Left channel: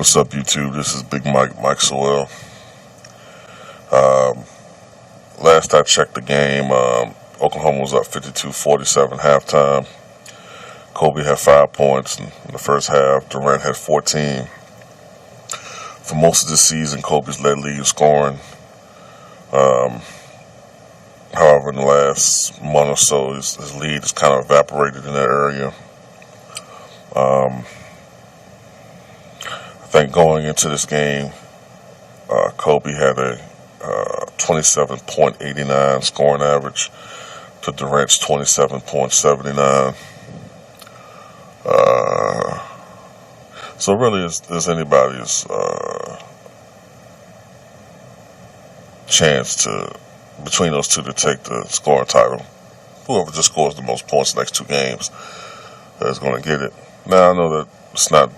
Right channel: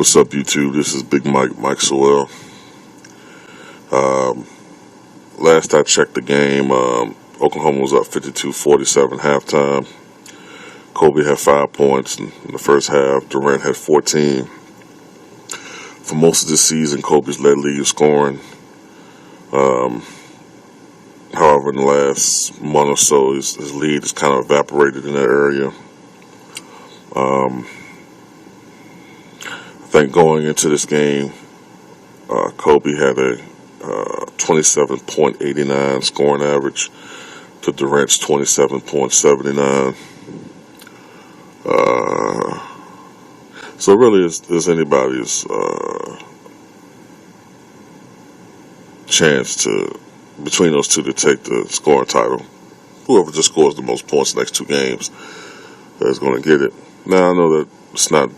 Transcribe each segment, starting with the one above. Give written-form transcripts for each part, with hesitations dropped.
What's up, YouTube? This is Big Mike Sewell. Um, Last I checked the game, Oklahoma was up 52-47 halftime. Kobe had 5 points in the first half. Durant had 14. For most of the season, Kobe's led league in scoring. Um, However, in the last month or so, his lead has kind of evaporated in that area. Um, I think going into this game, Kobe had a 27.89 scoring average to Durant's 27.79. So really, is anybody's chance to between those two to take the scoring title. Whoever just scores the most points the next two games is going to get it. Now I know that it's not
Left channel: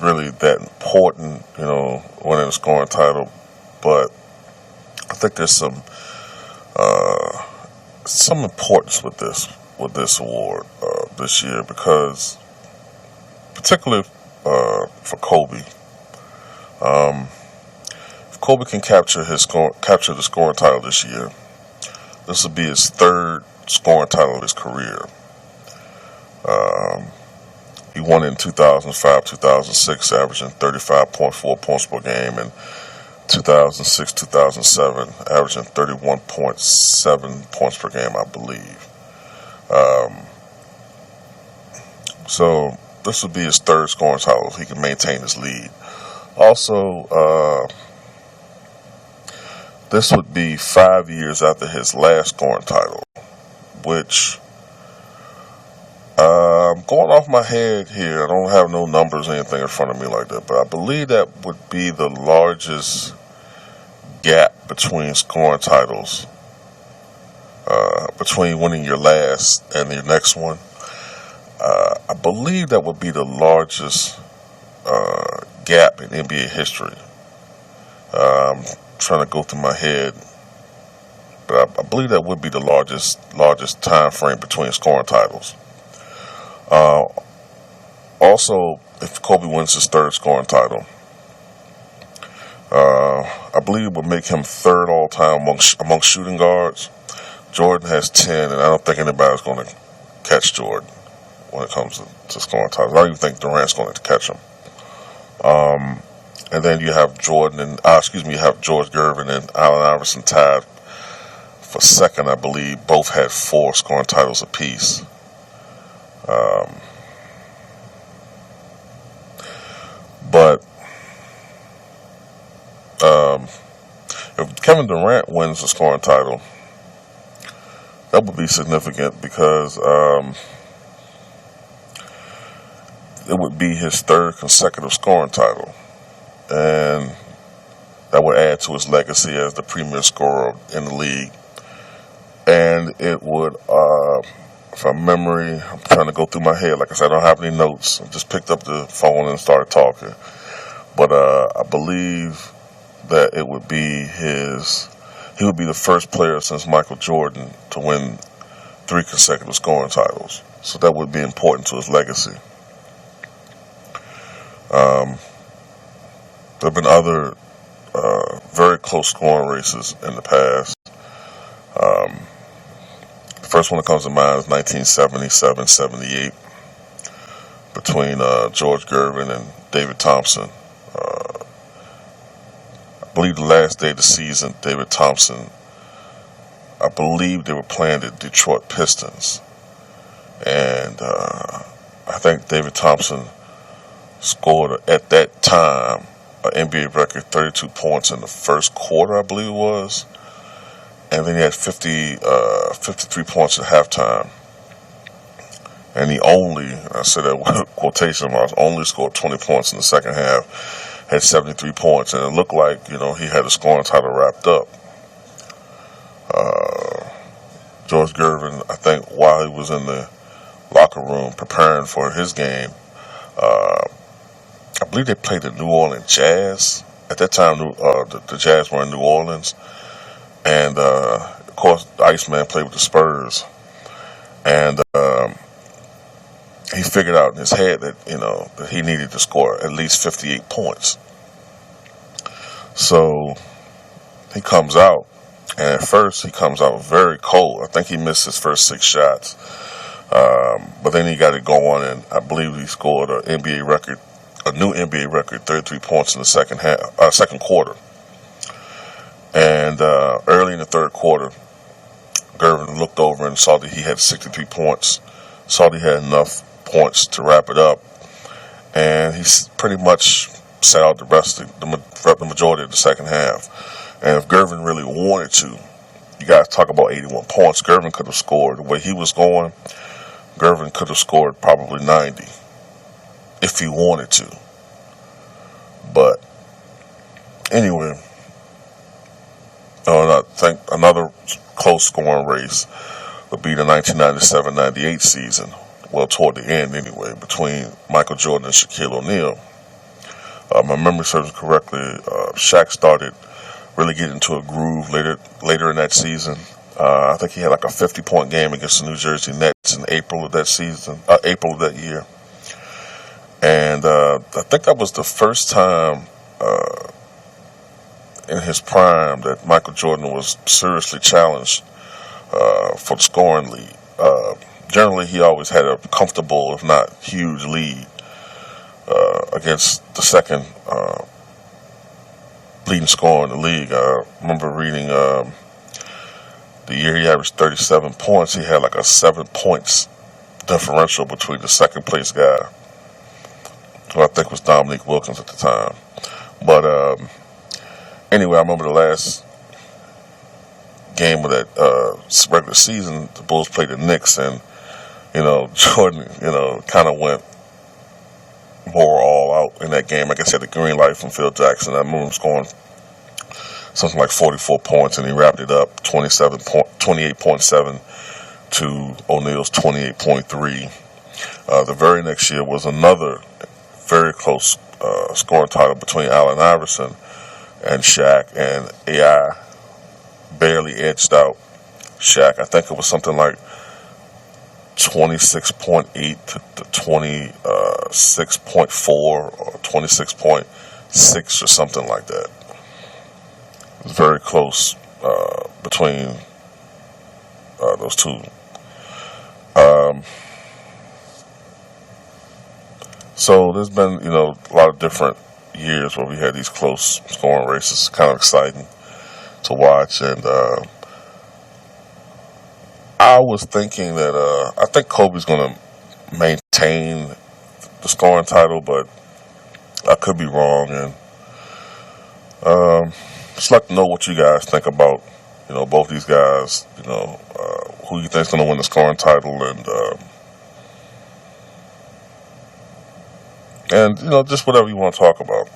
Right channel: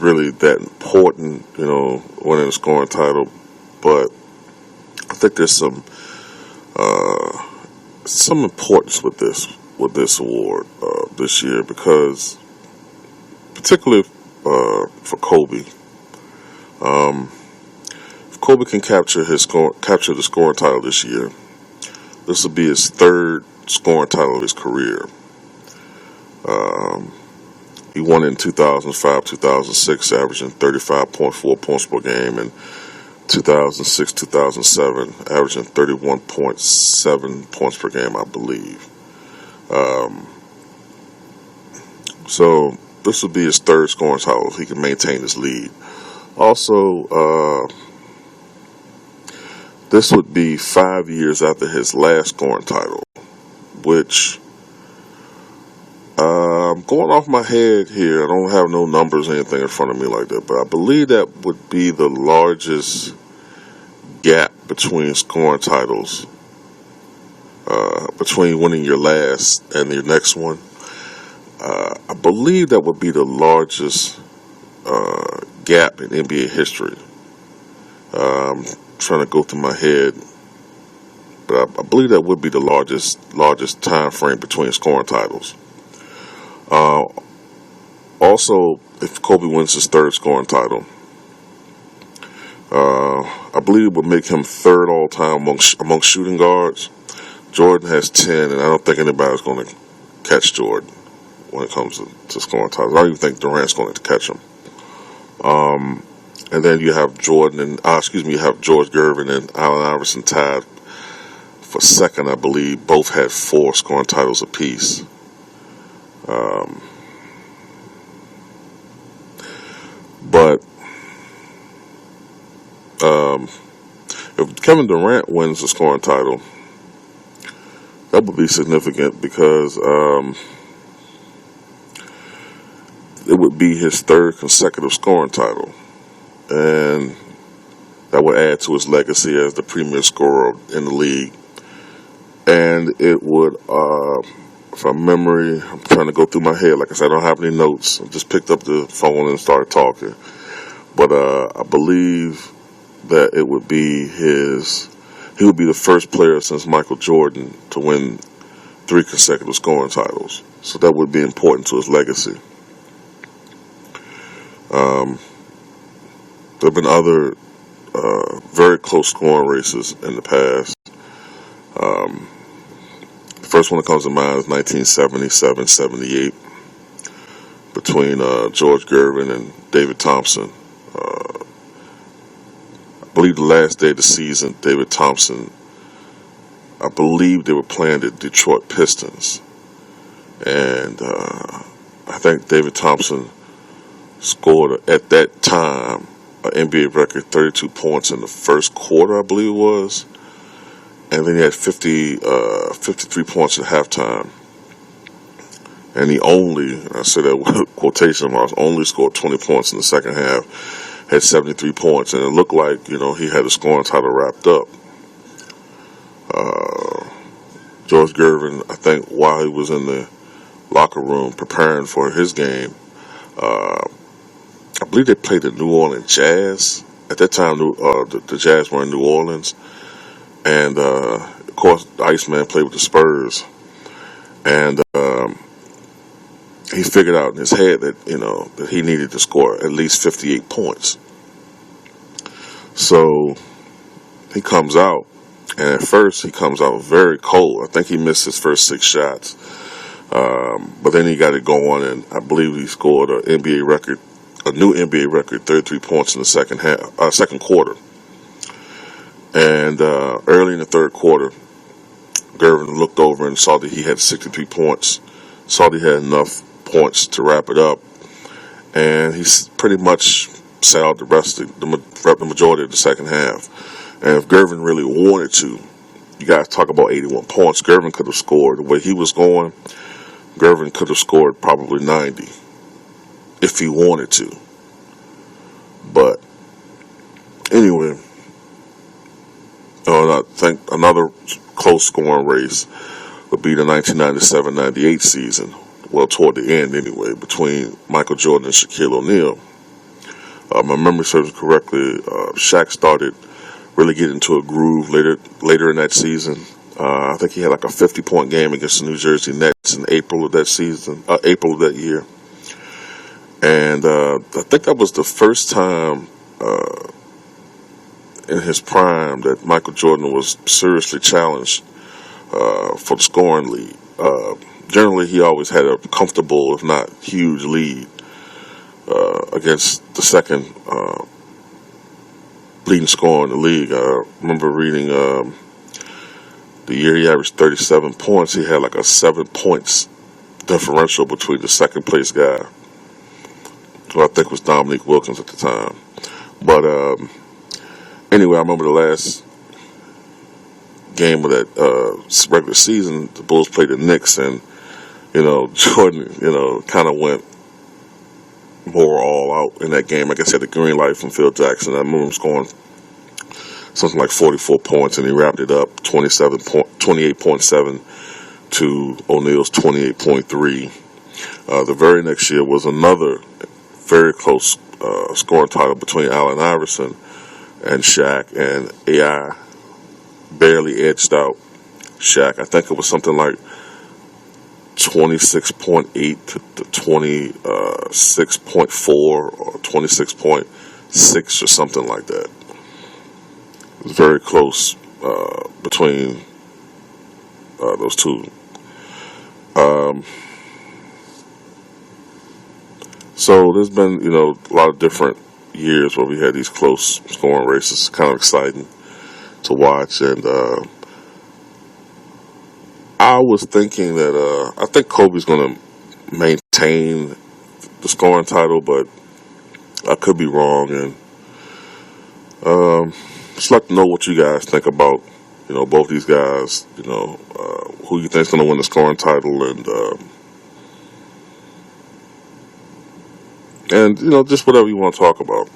really that important, winning the scoring title, but I think there's some importance with this award this year because, particularly for Kobe, if Kobe can capture the scoring title this year, this will be his third scoring title of his career. He won it in 2005, 2006, averaging 35.4 points per game, and 2006, 2007, averaging 31.7 points per game, I believe. So this would be his third scoring title if he can maintain his lead. Also, this would be 5 years after his last scoring title, which I'm going off my head here. I don't have no numbers or anything in front of me like that, but I believe that would be the largest gap between scoring titles, between winning your last and your next one. I believe that would be the largest gap in NBA history. I'm trying to go through my head, but I believe that would be the largest time frame between scoring titles. Uh, Also, if Kobe wins his third scoring title, I believe it would make him third all time among shooting guards. Jordan has 10, and I don't think anybody's going to catch Jordan when it comes to scoring titles. I don't even think Durant's going to catch him. And then you have you have George Gervin and Allen Iverson tied for second, I believe. Both had 4 scoring titles apiece. Um, but um, if Kevin Durant wins the scoring title, that would be significant because it would be his third consecutive scoring title, and that would add to his legacy as the premier scorer in the league. And it would, from memory, I'm trying to go through my head. Like I said, I don't have any notes. I just picked up the phone and started talking. But I believe that it would be he would be the first player since Michael Jordan to win 3 consecutive scoring titles. So that would be important to his legacy. Um, there have been other very close scoring races in the past. Um, the first one that comes to mind is 1977-78 between George Gervin and David Thompson. I believe the last day of the season, David Thompson, I believe they were playing the Detroit Pistons. And I think David Thompson scored, at that time, an NBA record 32 points in the first quarter, I believe it was. And then he had 53 points at halftime. And he only, I said that with quotation marks, only scored 20 points in the second half, had 73 points. And it looked like, he had the scoring title wrapped up. George Gervin, I think while he was in the locker room preparing for his game, I believe they played the New Orleans Jazz. At that time, the Jazz were in New Orleans. And, of course, the Iceman played with the Spurs. And he figured out in his head that that he needed to score at least 58 points. So he comes out, and at first he comes out very cold. I think he missed his first 6 shots, but then he got it going, and I believe he scored a new NBA record, 33 points in the second quarter. And early in the third quarter, Gervin looked over and saw that he had 63 points, saw that he had enough points to wrap it up, and he pretty much sat out the majority of the second half. And if Gervin really wanted to, you guys talk about 81 points, Gervin could have scored. The way he was going, Gervin could have scored probably 90 if he wanted to. But anyway, I think another close scoring race would be the 1997-98 season. Well, toward the end anyway, between Michael Jordan and Shaquille O'Neal. My memory serves correctly, Shaq started really getting into a groove later in that season. I think he had like a 50-point game against the New Jersey Nets in April of that year. And I think that was the first time in his prime that Michael Jordan was seriously challenged for the scoring lead. Generally, he always had a comfortable, if not huge, lead against the second leading scorer in the league. I remember reading the year he averaged 37 points, he had like a 7 points differential between the second place guy, who I think was Dominique Wilkins at the time. But anyway, I remember the last game of that regular season, the Bulls played the Knicks, and Jordan, kind of went more all out in that game. I guess he had the green light from Phil Jackson. I remember him scoring something like 44 points, and he wrapped it up 28.7 to O'Neal's 28.3. The very next year was another very close scoring title between Allen Iverson and Shaq, and AI barely edged out Shaq. I think it was something like 26.8 to 26.4 or 26.6 or something like that. It was very close between those two. So there's been, a lot of different years where we had these close scoring races. It's kind of exciting to watch, and I was thinking that I think Kobe's going to maintain the scoring title, but I could be wrong, and just like to know what you guys think about, both these guys, who you think is going to win the scoring title, and just whatever you want to talk about.